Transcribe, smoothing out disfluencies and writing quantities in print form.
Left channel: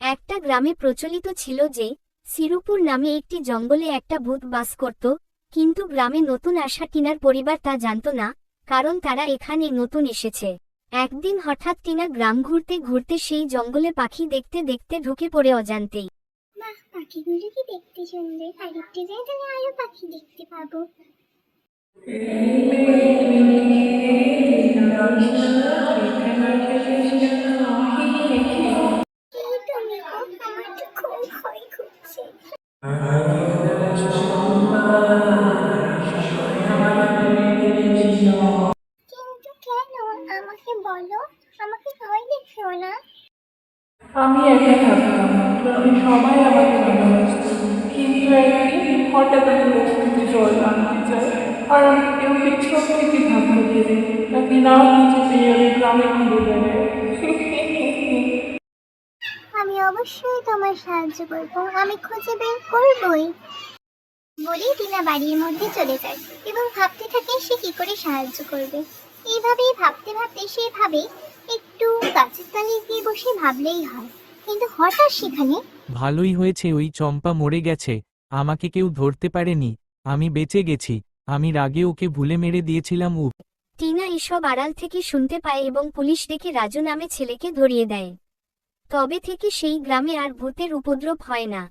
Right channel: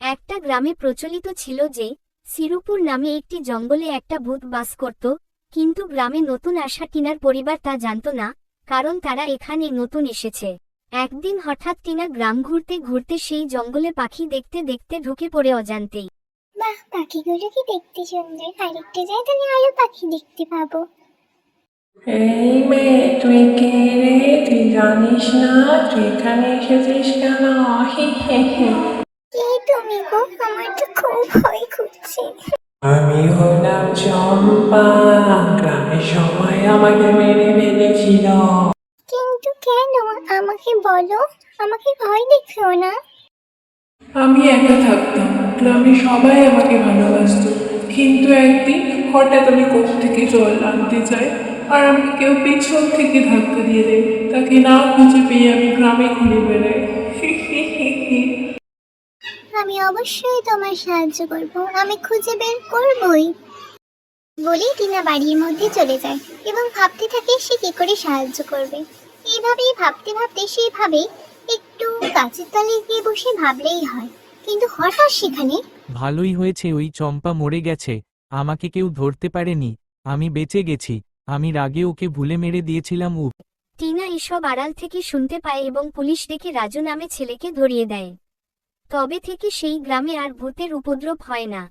একটা গ্রামে প্রচলিত ছিল যে সিরুপুর নামে একটি জঙ্গলে একটা ভূত বাস করত, কিন্তু গ্রামে নতুন আসা টিনার পরিবার তা জানত না, কারণ তারা এখানে নতুন এসেছে। একদিন হঠাৎ টিনা গ্রাম ঘুরতে ঘুরতে সেই জঙ্গলে পাখি দেখতে দেখতে ঢুকে পড়ে অজান্তেই। বাহ, পাখিগুলো কি দেখতে সুন্দর! আরেকটু যাই তাহলে আরো পাখি দেখতে পাবো। এই মেয়ে, তুই কে রে? তুই জানিস না তুই এখানে এসেছিস কেন? হি হি হি। কে তুমি গো? আমার তো খুব ভয় করছে। আমি হলাম চম্পা। গ্রামের সবাই আমাকে মেরে ফেলেছিল। কিন্তু কেন? আমাকে বলো, আমাকে ভয় দেখিও না। আমি একা থাকতাম, গ্রামের সবাই আমাকে ভালোবাসতো। কিন্তু একদিন হঠাৎ আমি কূপ থেকে জল আনতে যাই, আর আমাকে কেউ পেছন থেকে ধাক্কা দিয়ে দেয়। তাকে না খুঁজে পেয়ে আমি গ্রামে ঘুরে বেড়াই। আমি অবশ্যই তোমার সাহায্য করব, আমি খুঁজে বের করবই। বলে টিনা বাড়ির মধ্যে চলে যায় এবং ভাবতে থাকে সে কি করে সাহায্য করবে। এইভাবেই ভাবতে ভাবতে সে ভাবে একটু গাছের তলায় গিয়ে বসে ভাবলেই হয়। কিন্তু হঠাৎ সেখানে ভালোই হয়েছে ওই চম্পা মরে গেছে, আমাকে কেউ ধরতে পারেনি, আমি বেঁচে গেছি। আমি রাগে ওকে ভুলে মেরে দিয়েছিলাম। টিনা এসব আড়াল থেকে শুনতে পায় এবং পুলিশ ডেকে রাজু নামে ছেলেকে ধরিয়ে দেয়। তবে থেকে সেই গ্রামে আর ভূতের উপদ্রব হয় না।